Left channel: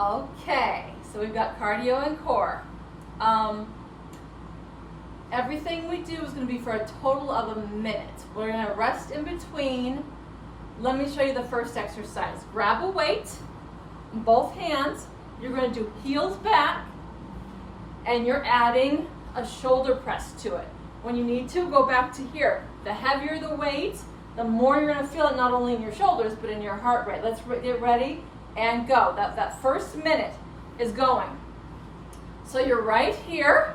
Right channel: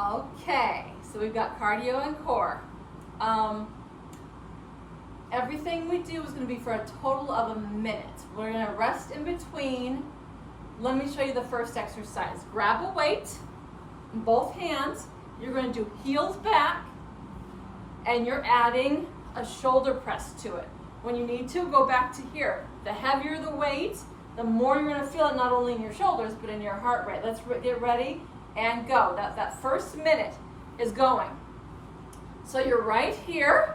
Okay, so we've got cardio and core. Everything we do is going to be for a total of a minute. We're going to rest in between. Let me show you the first exercise. Grab a weight in both hands. You're going to do heels back, and you're adding a shoulder press to it. When you need to, go back to here. The heavier the weight, the more you're going to feel it not only in your shoulders, but in your heart rate. Let's get ready and go. That first minute is going. So you're right here.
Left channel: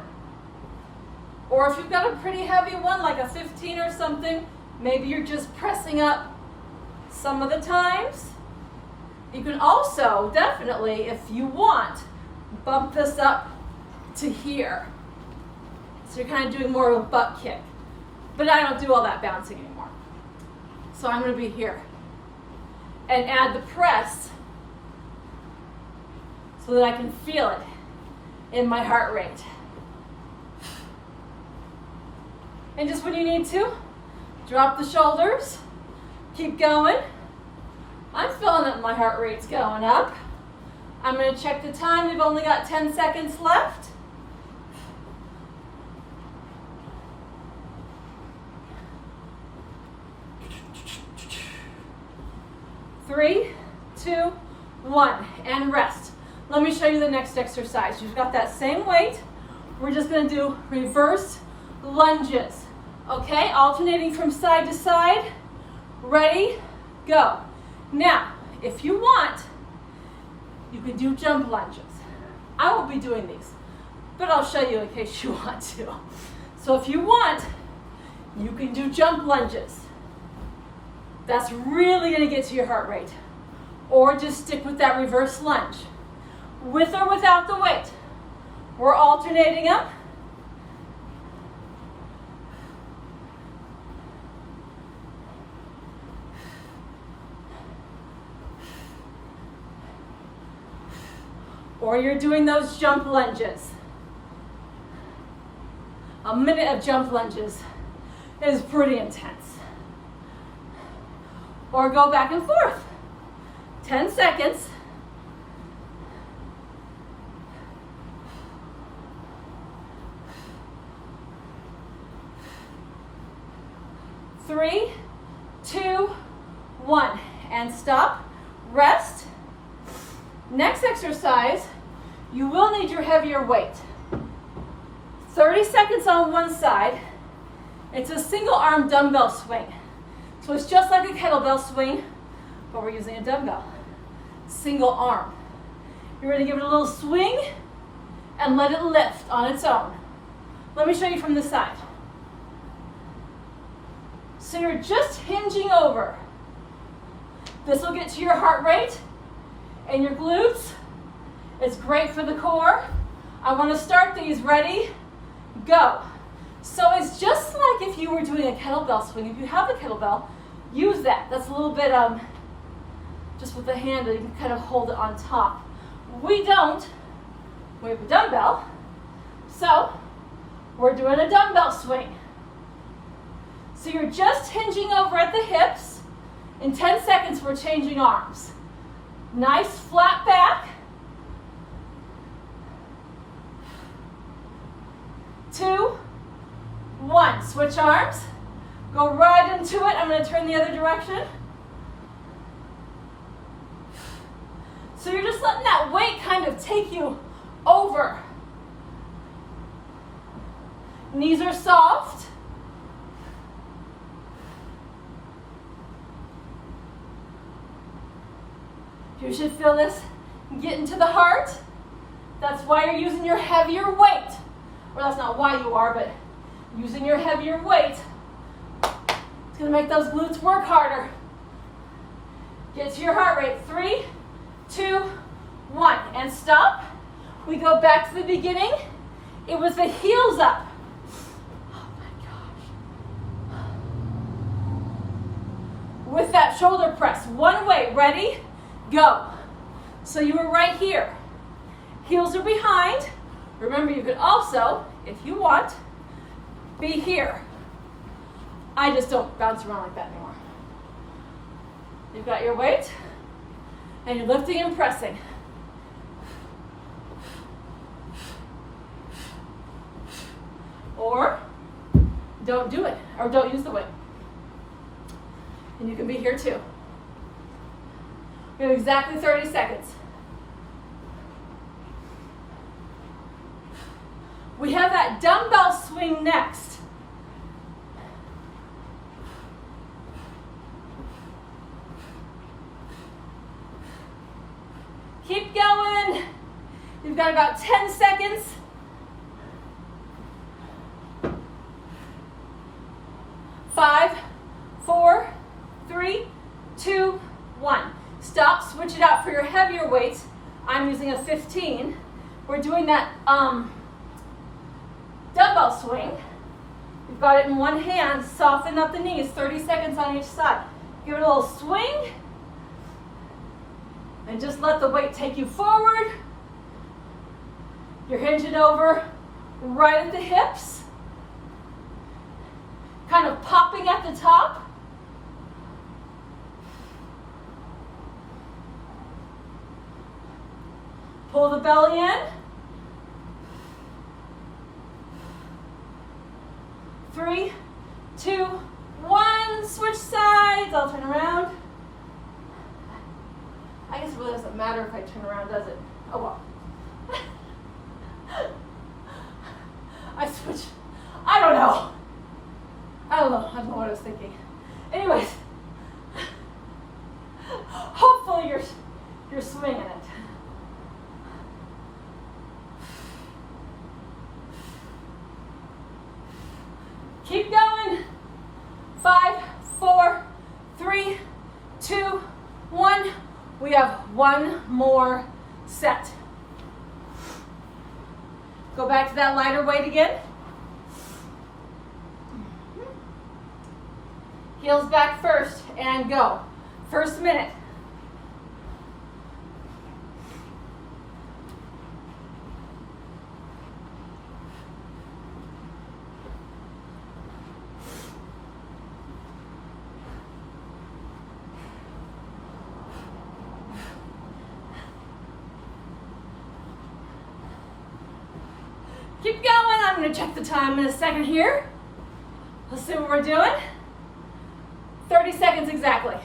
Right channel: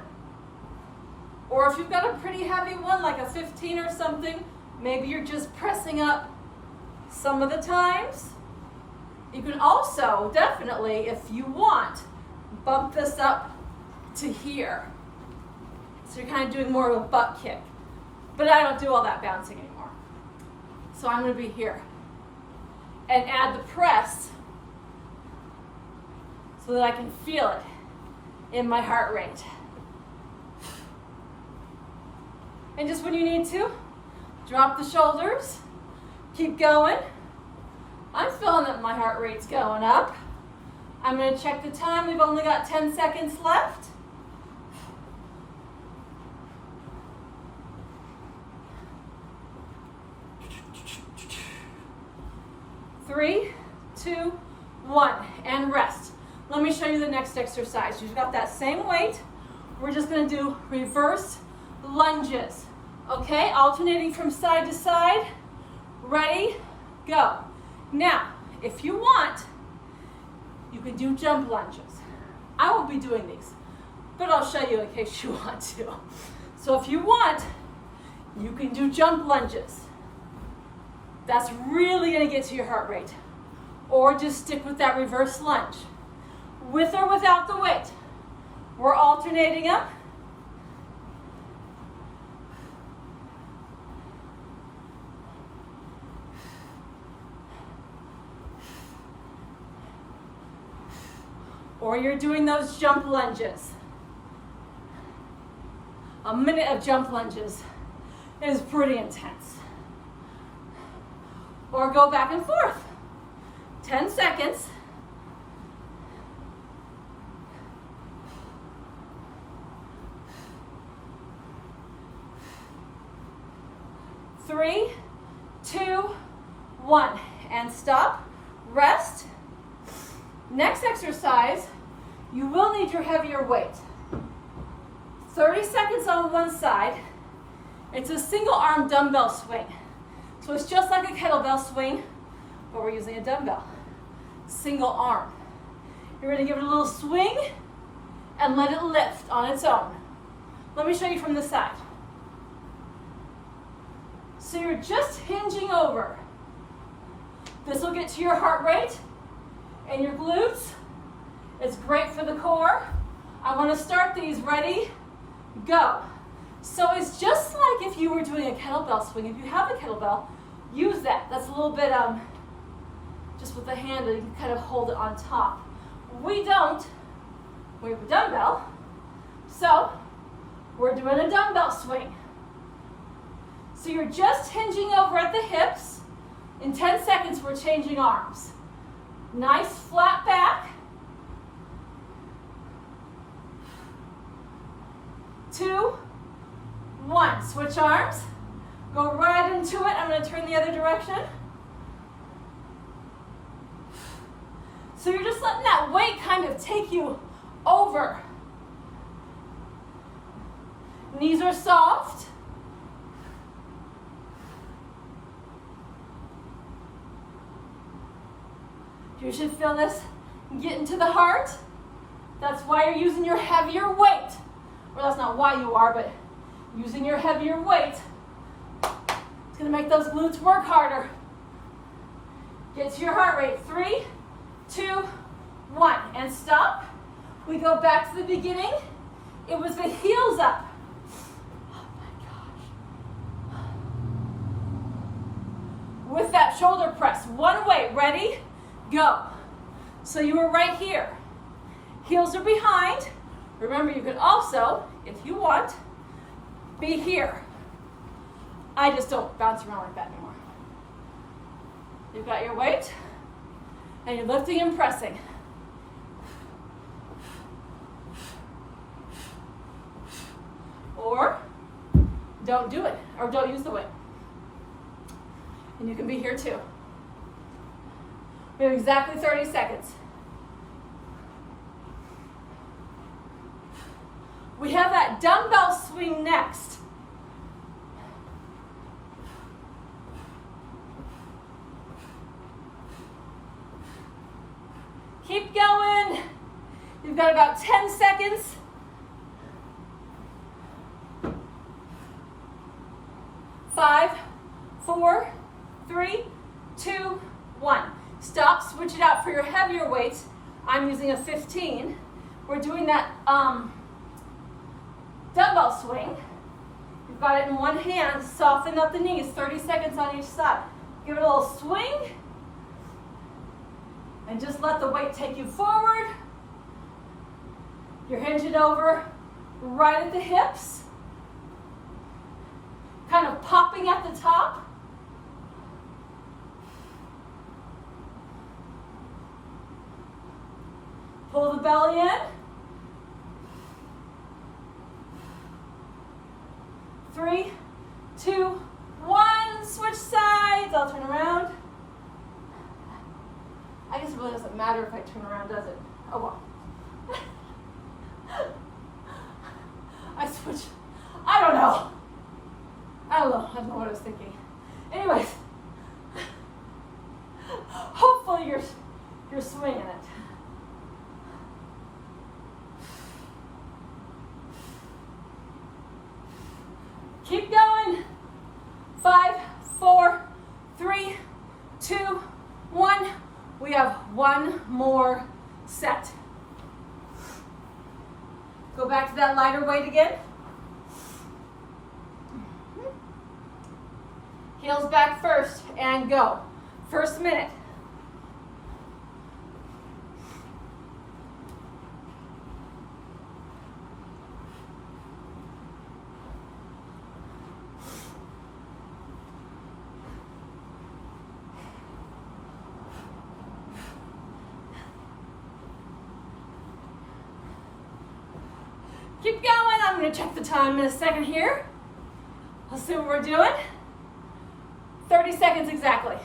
Or if you've got a pretty heavy one, like a 15 or something, maybe you're just pressing up some of the times. You can also, definitely, if you want, bump this up to here. So you're kind of doing more of a butt kick. But I don't do all that bouncing anymore. So I'm going to be here. And add the press so that I can feel it in my heart rate. And just when you need to, drop the shoulders, keep going. I'm feeling that my heart rate's going up. I'm going to check the time. We've only got 10 seconds left. Three, two, one, and rest. Let me show you the next exercise. You've got that same weight. We're just going to do reverse lunges. Okay, alternating from side to side. Ready, go. Now, if you want, you can do jump lunges. I won't be doing these, but I'll show you in case you want to. So if you want, you can do jump lunges. That's really going to get to your heart rate. Or just stick with that reverse lunge. With or without the weight. We're alternating them. Or you're doing those jump lunges. A minute of jump lunges is pretty intense. Or go back and forth. 10 seconds. Three, two, one, and stop. Rest. Next exercise, you will need your heavier weight. 30 seconds on one side. It's a single arm dumbbell swing. So it's just like a kettlebell swing, but we're using a dumbbell. Single arm. You're going to give it a little swing and let it lift on its own. Let me show you from the side. So you're just hinging over. This will get to your heart rate and your glutes. It's great for the core. I want to start these. Ready? Go. So it's just like if you were doing a kettlebell swing. If you have a kettlebell, use that. That's a little bit, just with the handle, you can kind of hold it on top. We don't. We have a dumbbell. So we're doing a dumbbell swing. So you're just hinging over at the hips. In 10 seconds, we're changing arms. Nice flat back. 2, 1. Switch arms. Go right into it. I'm going to turn the other direction. So you're just letting that weight kind of take you over. Knees are soft. You should feel this get into the heart. That's why you're using your heavier weight. Or that's not why you are, but using your heavier weight. It's going to make those glutes work harder. Get to your heart rate. 3, 2, 1. And stop. We go back to the beginning. It was the heels up. Oh my gosh. With that shoulder press. One way. Ready? Go. So you were right here. Heels are behind. Remember, you could also, if you want, be here. I just don't bounce around like that anymore. You've got your weight, and you're lifting and pressing. or don't do it, or don't use the weight. And you can be here too. We have exactly 30 seconds. We have that dumbbell swing next. Keep going. You've got about 10 seconds. Five, four, three, two, one. Stop, switch it out for your heavier weights. I'm using a 15. We're doing that dumbbell swing. You've got it in one hand. Soften up the knees, 30 seconds on each side. Give it a little swing. And just let the weight take you forward. You're hinging over right at the hips. Kind of popping at the top. Pull the belly in. 3, 2, 1. Switch sides. I'll turn around. I guess it really doesn't matter if I turn around, does it? Oh well. I switch. I don't know. I don't know what I was thinking. Anyways, hopefully you're swinging it. Keep going. 5, 4, 3, 2, 1. We have one more set. Go back to that lighter weight again. Heels back first and go. First minute. Keep going. I'm going to check the time in a second here. Let's see what we're doing. 30 seconds exactly.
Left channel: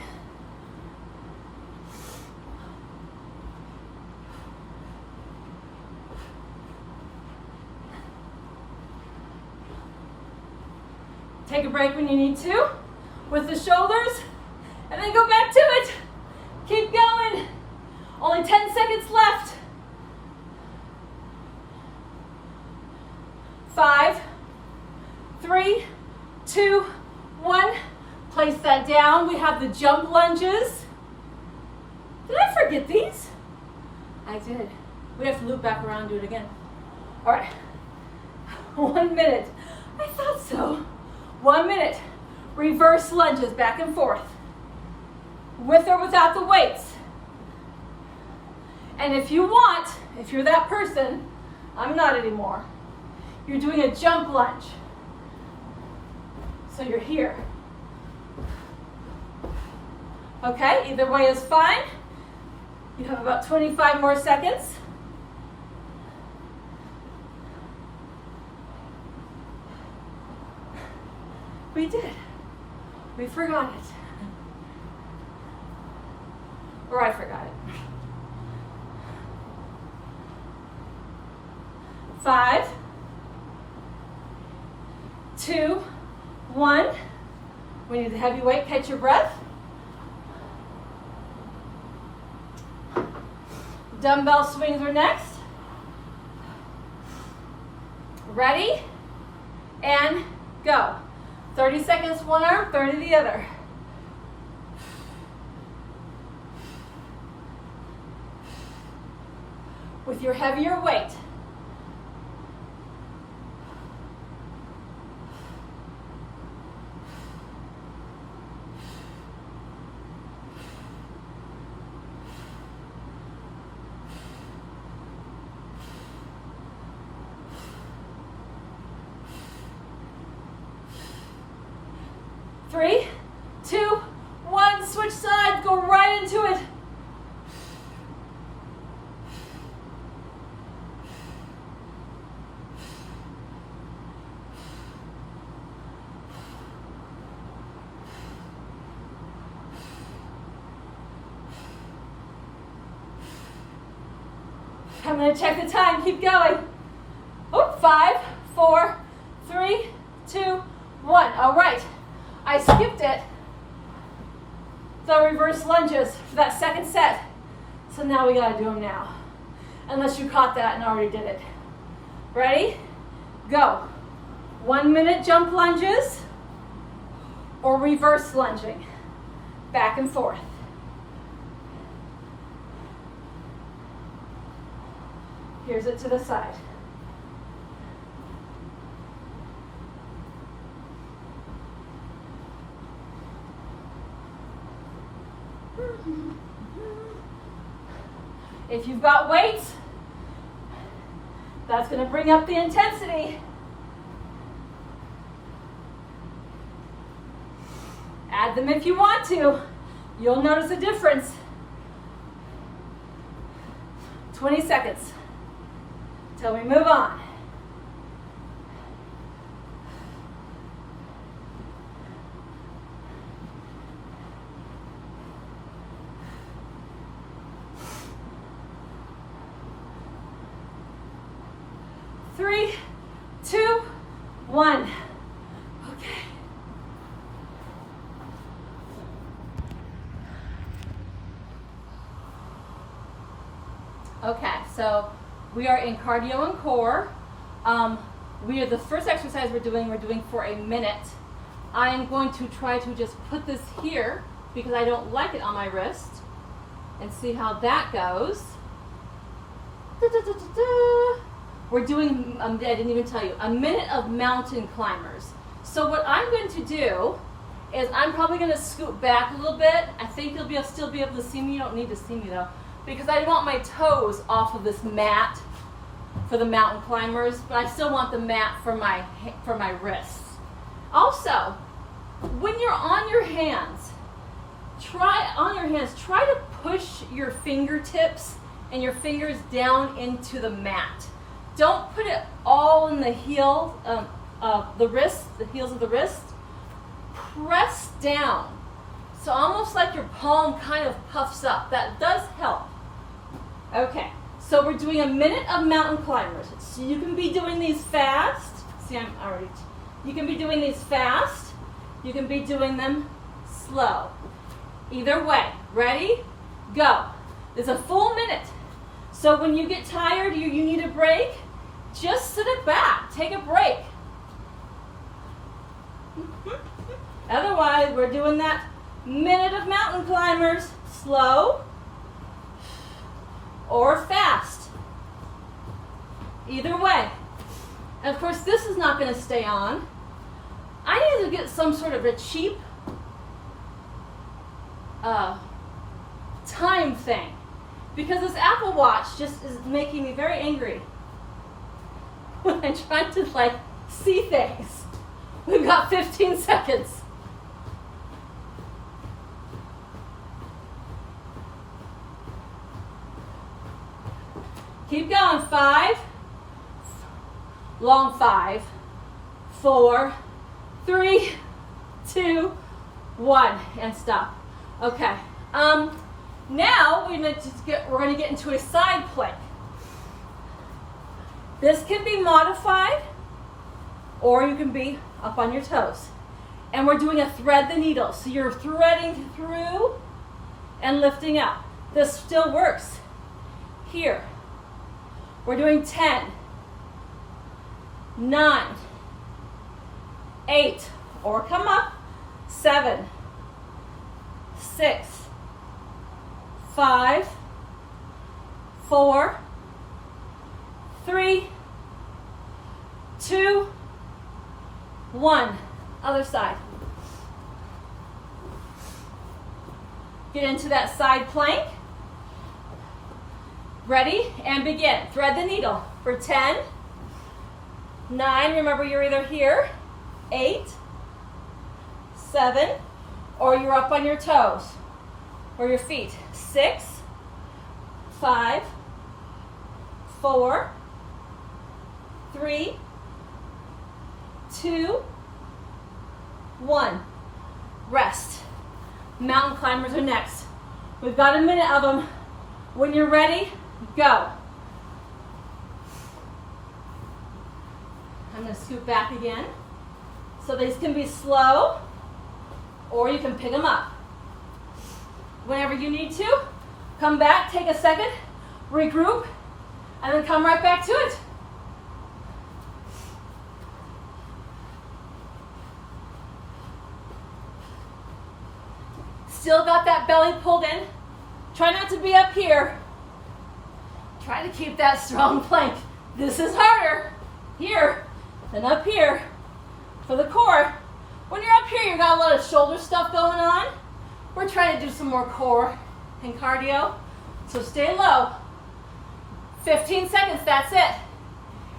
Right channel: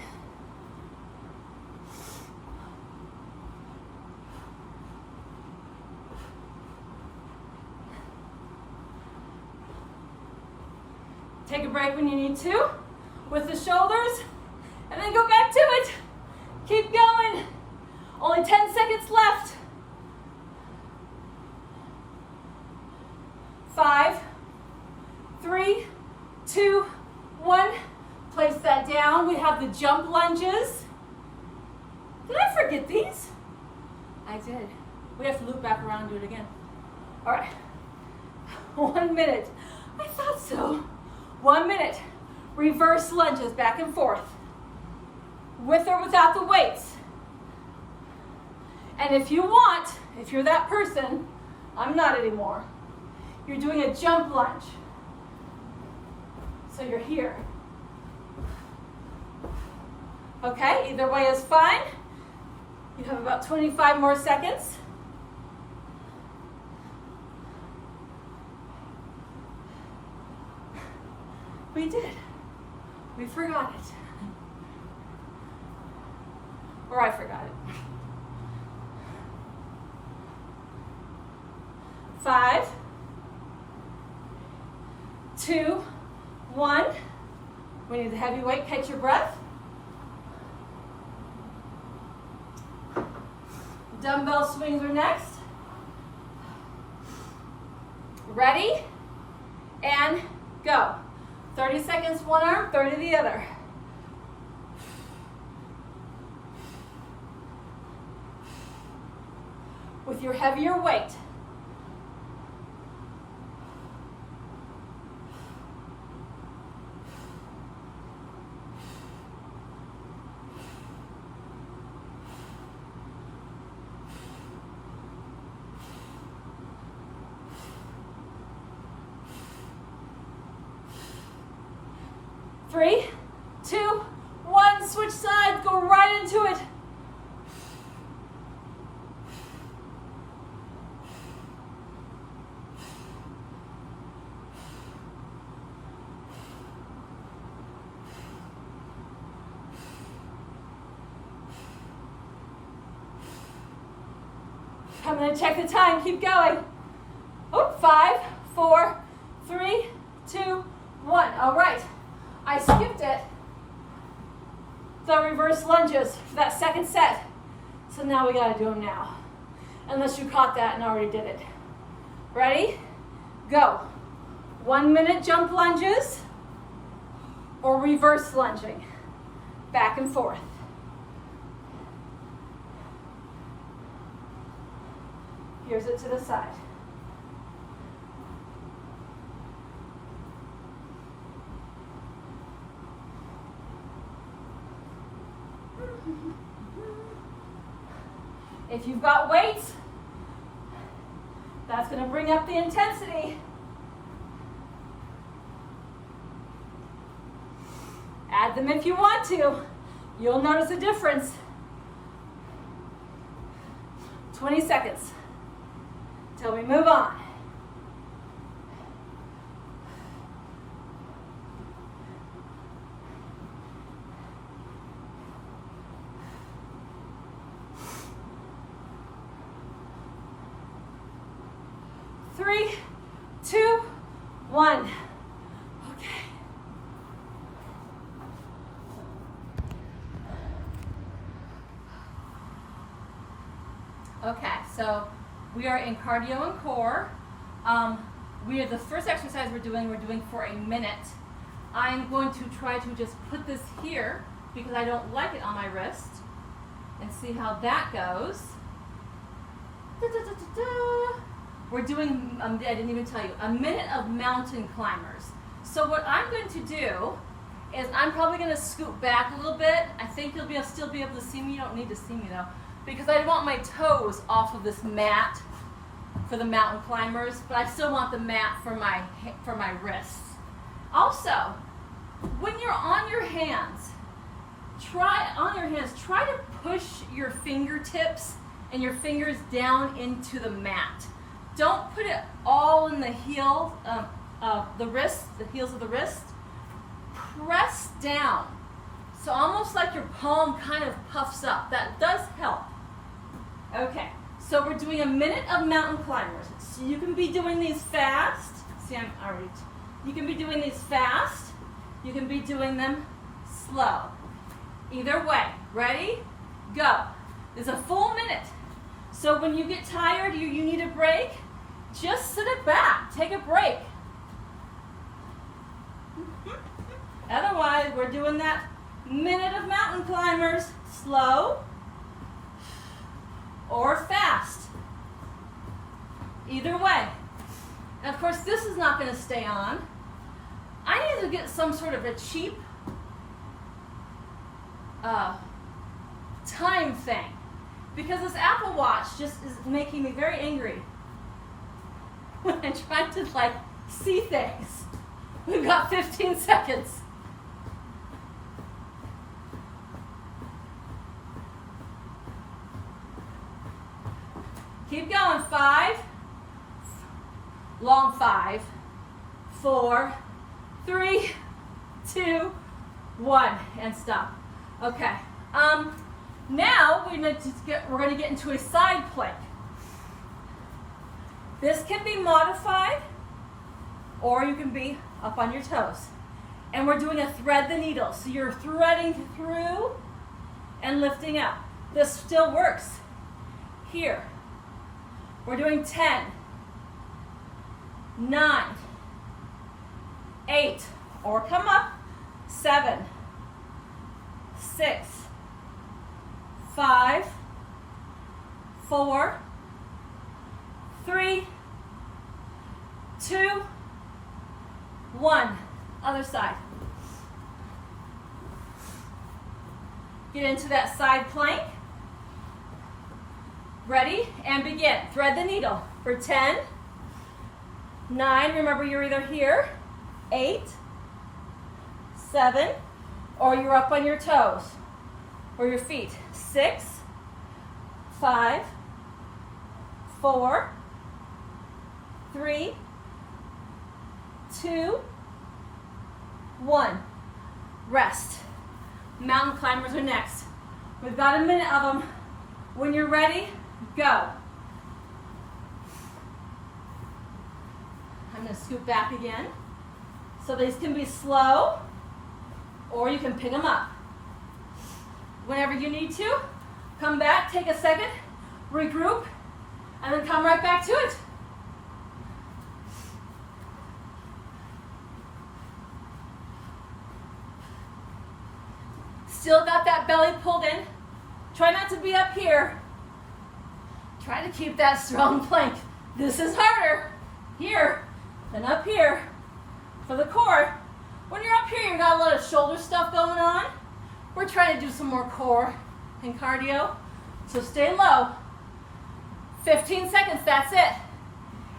Take a break when you need to with the shoulders and then go back to it. Keep going. Only 10 seconds left. 5, 3, 2, 1. Place that down. We have the jump lunges. Did I forget these? I did. We have to loop back around and do it again. All right. 1 minute. I thought so. 1 minute. Reverse lunges back and forth. With or without the weights. And if you want, if you're that person, I'm not anymore. You're doing a jump lunge. So you're here. Okay, either way is fine. You have about 25 more seconds. We did. We forgot it. Or I forgot it. 5, 2, 1. We need the heavy weight. Catch your breath. Dumbbell swings are next. Ready? And go. 30 seconds one arm, 30 the other. With your heavier weight. Three, 2, 1, switch sides, go right into it. I'm gonna check the time, keep going. Oh, 5, 4, 3, 2, 1. All right, I skipped it. The reverse lunges for that second set. So now we gotta do them now. Unless you caught that and already did it. Ready? Go. 1 minute jump lunges or reverse lunging. Back and forth. Here's it to the side. If you've got weights, that's going to bring up the intensity. Add them if you want to. You'll notice a difference. 20 seconds till we move on. Three, 2, 1. Okay. Okay, so we are in cardio and core. We are the first exercise we're doing for a minute. I am going to try to just put this here because I don't like it on my wrist and see how that goes. Da, da, da, da, da. We're doing, I didn't even tell you, a minute of mountain climbers. So what I'm going to do is I'm probably going to scoot back a little bit. I think you'll still be able to see me. You don't need to see me though, because I want my toes off of this mat for the mountain climbers, but I still want the mat for my wrists. Also, when you're on your hands, try to push your fingertips and your fingers down into the mat. Don't put it all in the heel of the wrist, the heels of the wrist. Press down. So almost like your palm kind of puffs up. That does help. Okay, so we're doing a minute of mountain climbers. So you can be doing these fast. See, you can be doing these fast. You can be doing them slow. Either way. Ready? Go. It's a full minute. So when you get tired, you need a break, just sit it back, take a break. Otherwise, we're doing that minute of mountain climbers, slow or fast. Either way. And of course, this is not going to stay on. I need to get some sort of a cheap time thing, because this Apple Watch just is making me very angry when I'm trying to see things. We've got 15 seconds. Keep going. 5, long 5, 4, 3, 2, 1, and stop. Okay. Now we're going to get into a side plank. This can be modified, or you can be up on your toes. And we're doing a thread the needle. So you're threading through and lifting up. This still works. Here. We're doing 10, 9, 8, or come up, 7, 6, 5, 4, 3, 2, 1. Other side. Get into that side plank. Ready? And begin. Thread the needle for 10, 9, remember you're either here, 8, 7, or you're up on your toes or your feet. 6, 5, 4, 3, 2, 1. Rest. Mountain climbers are next. We've got a minute of them. When you're ready, go. I'm going to scoot back again. So these can be slow, or you can pick them up. Whenever you need to, come back, take a second, regroup, and then come right back to it. Still got that belly pulled in. Try not to be up here. Try to keep that strong plank. This is harder here than up here for the core. When you're up here, you got a lot of shoulder stuff going on. We're trying to do some more core and cardio. So stay low. 15 seconds, that's it.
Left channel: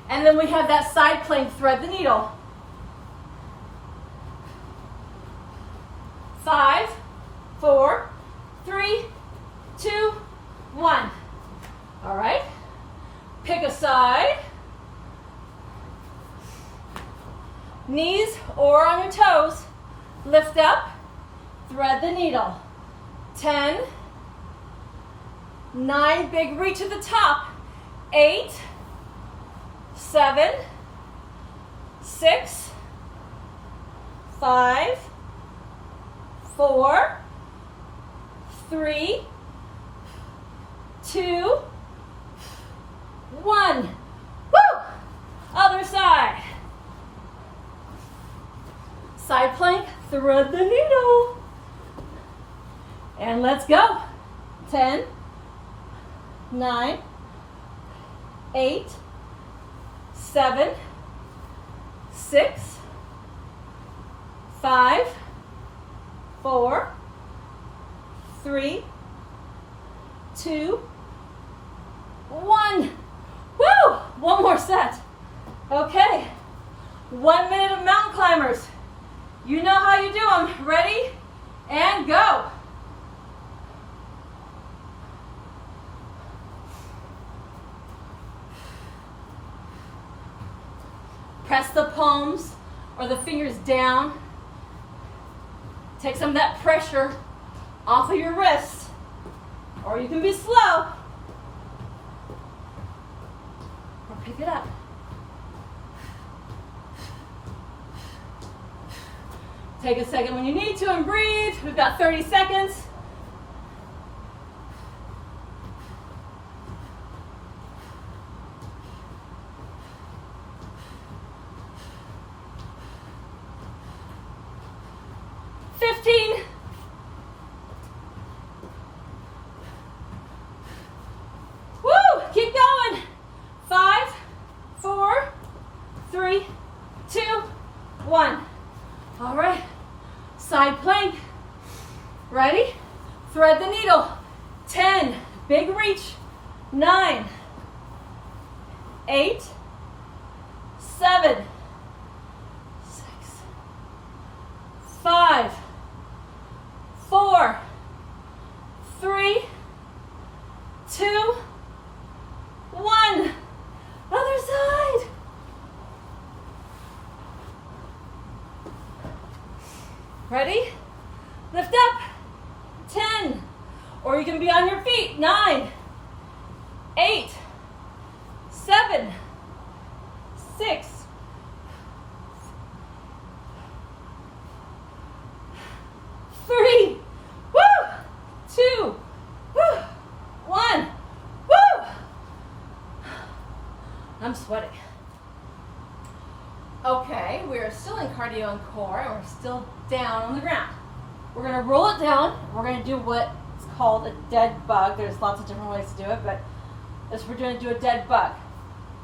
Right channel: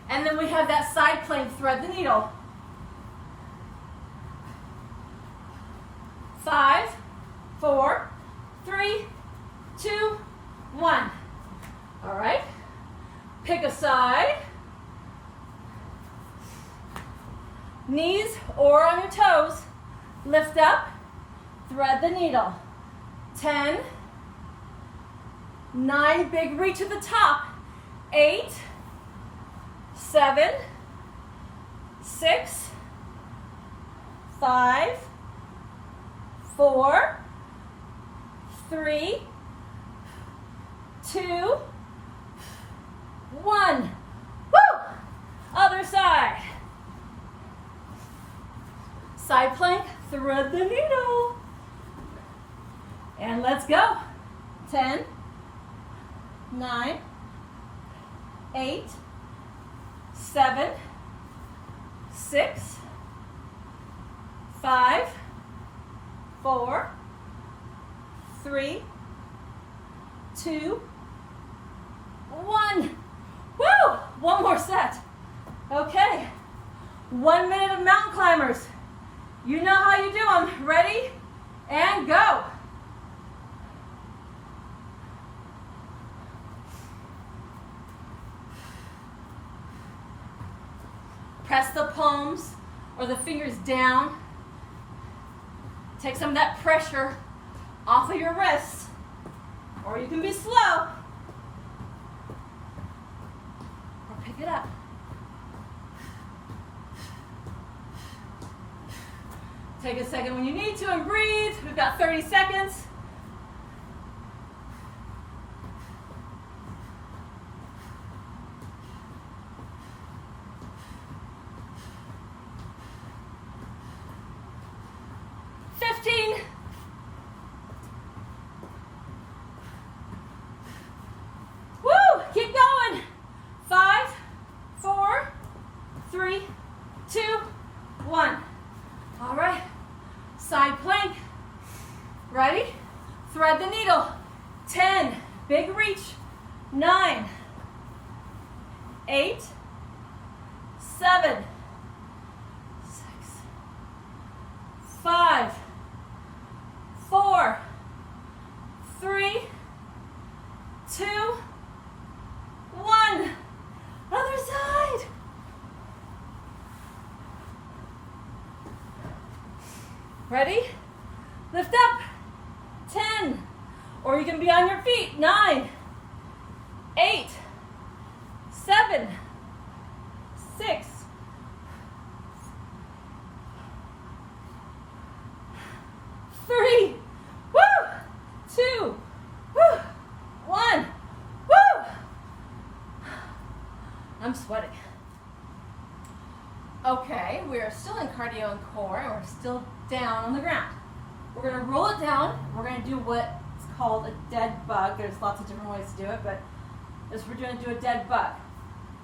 And then we have that side plank, thread the needle. 5, 4, 3, 2, 1. All right. Pick a side. Knees or on your toes. Lift up. Thread the needle. 10, 9, big reach at the top. 8, 7, 6, 5, 4, 3, 2, 1. Woo! Other side. Side plank, thread the needle. And let's go. 10, 9, 8, 7, 6, 5, 4, 3, 2, 1. Woo! One more set. Okay. 1 minute of mountain climbers. You know how you do them. Ready? And go. Press the palms or the fingers down. Take some of that pressure off of your wrist. Or you can be slow. Or pick it up. Take a second when you need to and breathe. We've got 30 seconds. Woo! Keep going. 5, 4, 3, 2, 1. All right. Side plank. Ready? Thread the needle. 10. Big reach. 9, 8, 7, 6, 5, 4, 3, 2, 1. Other side. Ready? Lift up. 10. Or you can be on your feet. 9, 8, 7, 6, 3, woo, 2, woo, 1, woo. I'm sweating. Okay, we are still in cardio and core, and we're still down on the ground. We're going to roll it down. We're going to do what's called a dead bug. There's lots of different ways to do it, but as we're going to do a dead bug.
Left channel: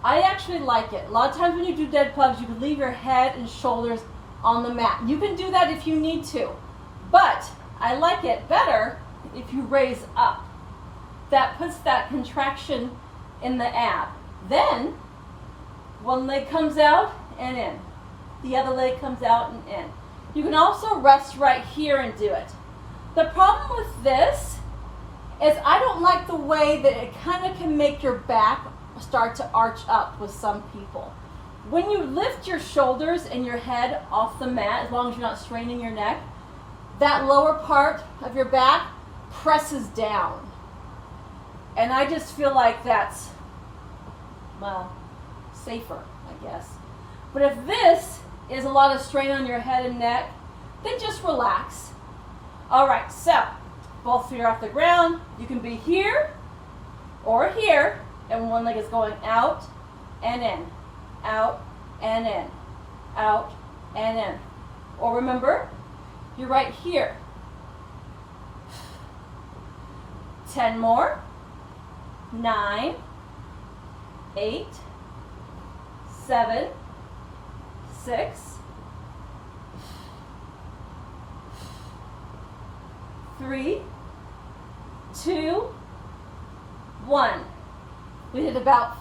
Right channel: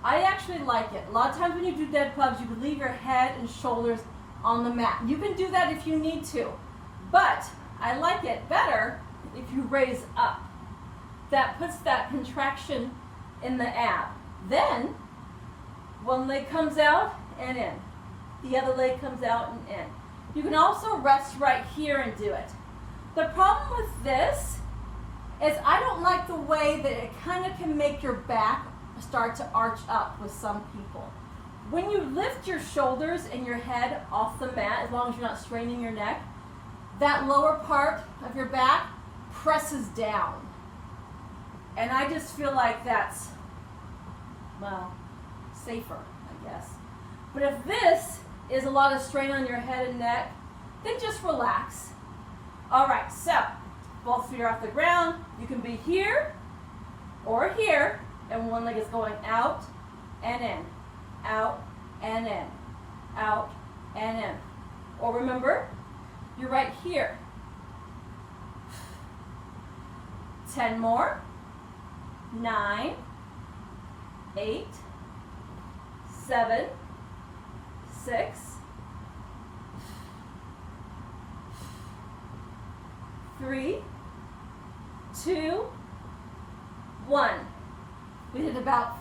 I actually like it. A lot of times when you do dead bugs, you can leave your head and shoulders on the mat. You can do that if you need to, but I like it better if you raise up. That puts that contraction in the ab. Then, one leg comes out and in. The other leg comes out and in. You can also rest right here and do it. The problem with this is I don't like the way that it kind of can make your back start to arch up with some people. When you lift your shoulders and your head off the mat, as long as you're not straining your neck, that lower part of your back presses down. And I just feel like that's, well, safer, I guess. But if this is a lot of strain on your head and neck, then just relax. All right, so both feet are off the ground. You can be here or here, and one leg is going out and in, out and in, out and in. Or remember, you're right here. 10 more. 9, 8, 7, 6, 3, 2, 1. We did about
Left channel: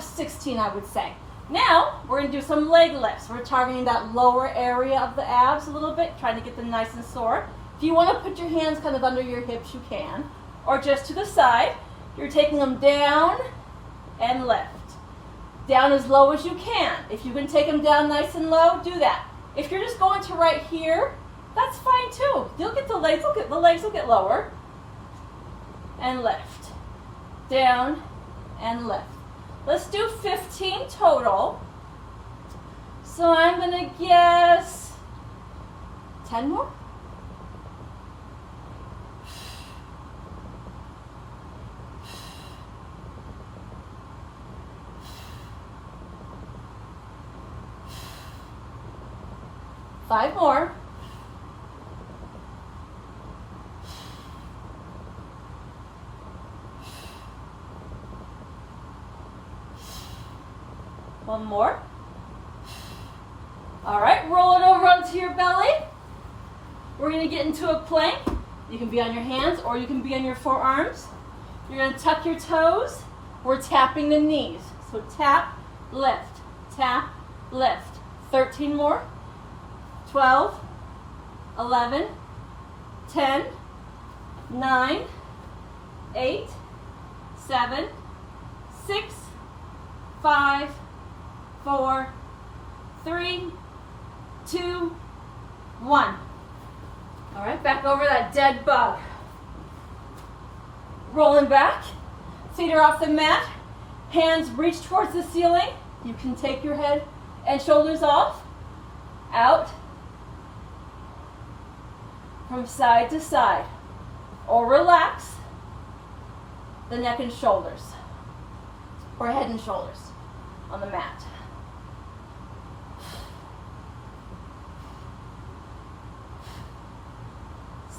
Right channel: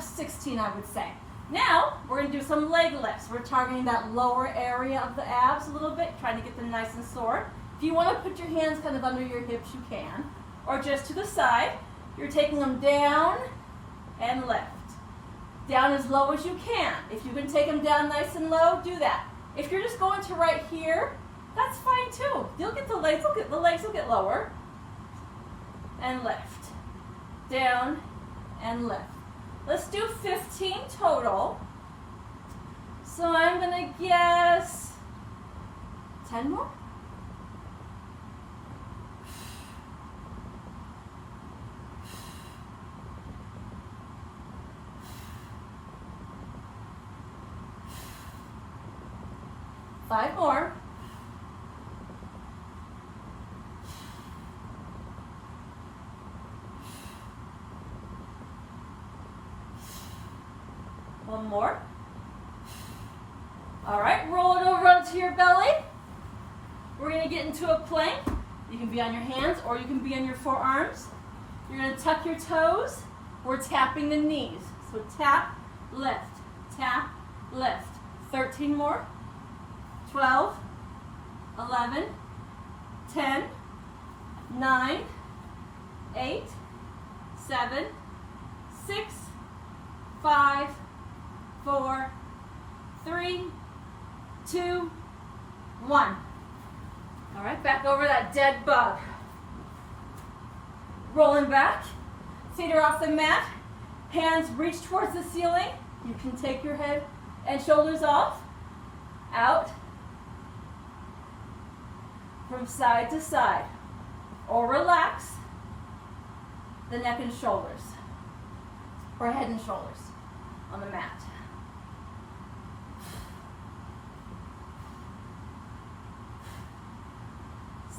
16, I would say. Now, we're going to do some leg lifts. We're targeting that lower area of the abs a little bit, trying to get them nice and sore. If you want to put your hands kind of under your hips, you can. Or just to the side. You're taking them down and lift. Down as low as you can. If you can take them down nice and low, do that. If you're just going to right here, that's fine too. You'll get the legs will get lower. And lift. Down and lift. Let's do 15 total. So I'm going to guess 10 more. Five more. One more. All right, roll it over onto your belly. We're going to get into a plank. You can be on your hands or you can be on your forearms. You're going to tuck your toes. We're tapping the knees. So tap, lift, tap, lift. 13 more. 12, 11, 10, 9, 8, 7, 6, 5, 4, 3, 2, 1. All right, back over that dead bug. Rolling back, feet are off the mat, hands reach towards the ceiling. You can take your head and shoulders off, out, from side to side, or relax the neck and shoulders, or head and shoulders on the mat.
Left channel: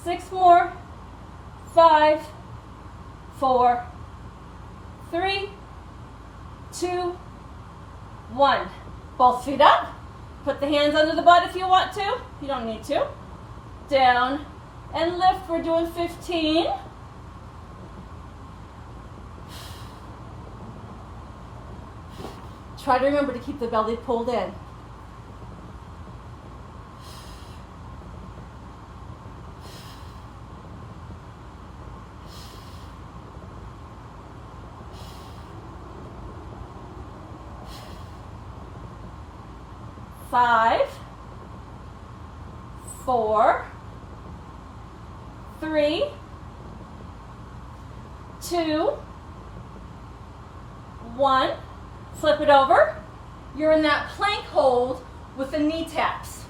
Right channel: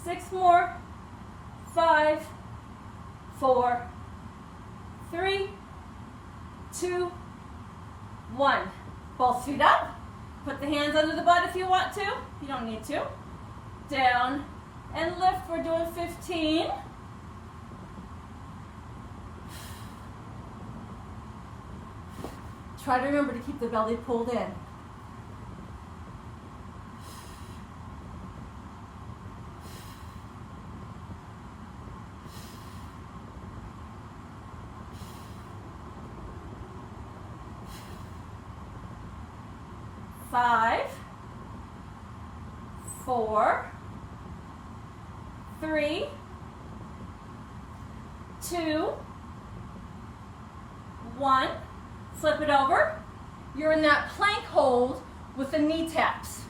Six more. 5, 4, 3, 2, 1. Both feet up. Put the hands under the butt if you want to. You don't need to. Down and lift. We're doing 15. Try to remember to keep the belly pulled in. Five, 4, 3, 2, 1. Flip it over. You're in that plank hold with the knee taps.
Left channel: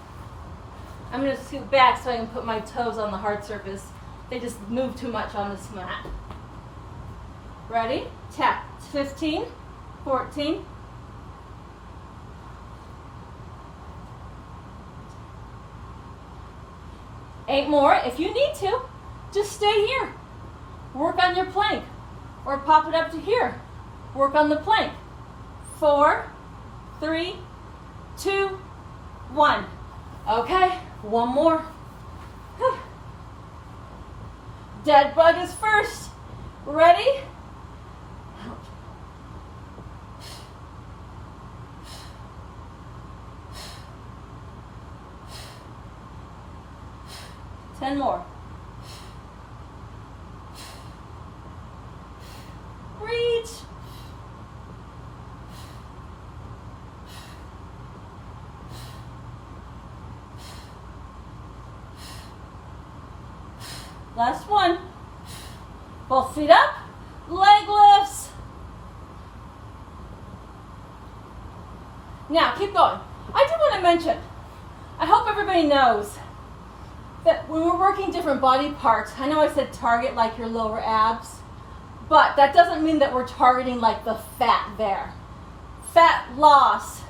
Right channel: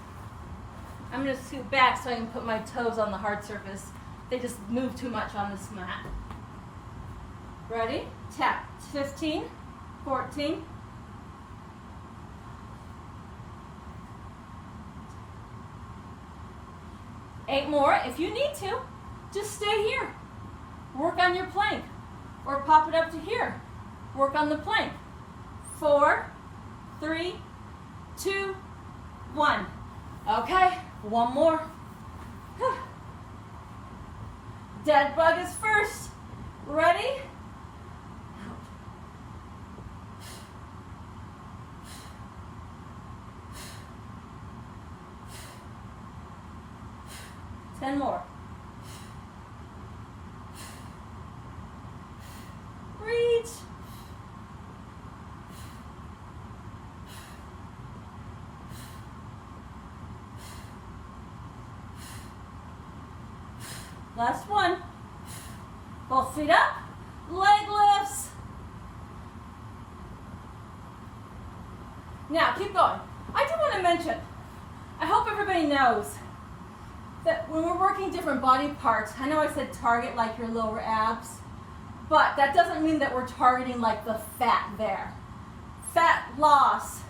I'm going to scoot back so I can put my toes on the hard surface. They just move too much on this mat. Ready? Tap. 15, 14, 8 more. If you need to, just stay here. Work on your plank. Or pop it up to here. Work on the plank. 4, 3, 2, 1. Okay, one more. Dead bug is first. Ready? 10 more. Reach. Last one. Both feet up. Leg lifts. Now, keep going. want to mention, I hope everybody knows that when we're working different body parts, I know I said target like your lower abs, but that doesn't mean that we're targeting like the fat there. Fat loss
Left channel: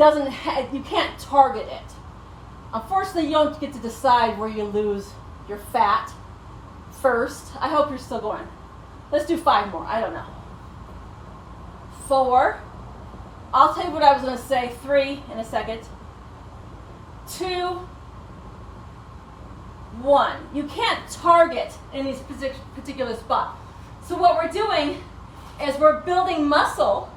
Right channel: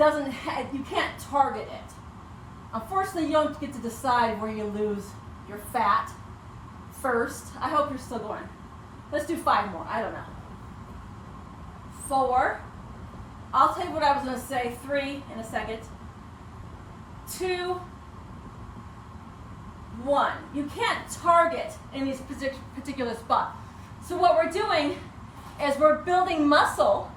you can't target it. Unfortunately, you don't get to decide where you lose your fat first. I hope you're still going. Let's do 5 more. I don't know. 4. I'll tell you what I was going to say. 3 in a second. 2, 1. You can't target any particular spot. So what we're doing is we're building muscle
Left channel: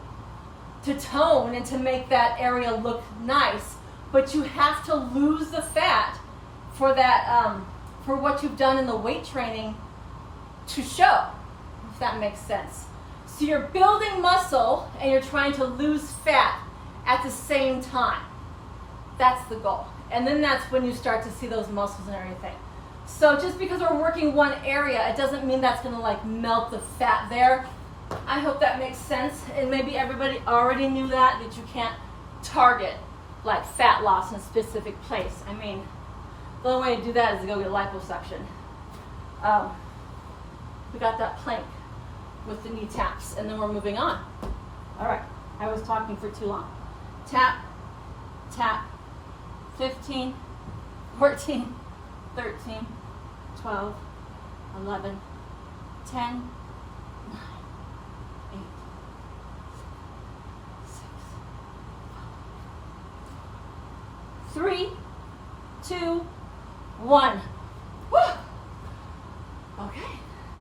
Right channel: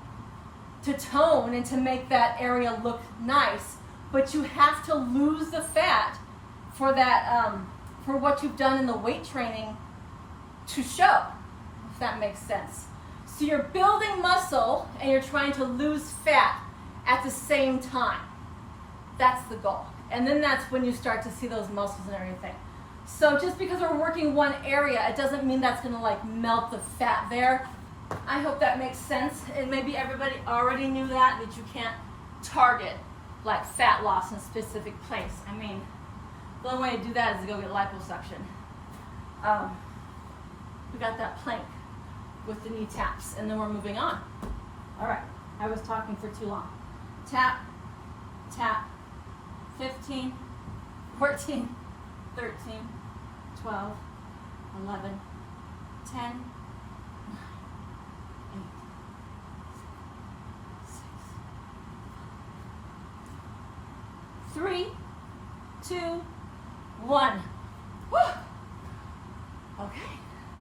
to tone and to make that area look nice, but you have to lose the fat for that, for what you've done in the weight training to show, if that makes sense. So you're building muscle and you're trying to lose fat at the same time. That's the goal. And then that's when you start to see those muscles and everything. So just because we're working one area, it doesn't mean that's gonna like melt the fat there. I hope that makes sense. And maybe everybody already knew that you can't target like fat loss in a specific place. I mean, the only way to do that is to go get liposuction. We got that plank with the knee taps, and then we're moving on. All right, I was talking for too long. Tap, tap, 15, 14, 13, 12, 11, 10, 9, 8, 6, 3, 2, 1.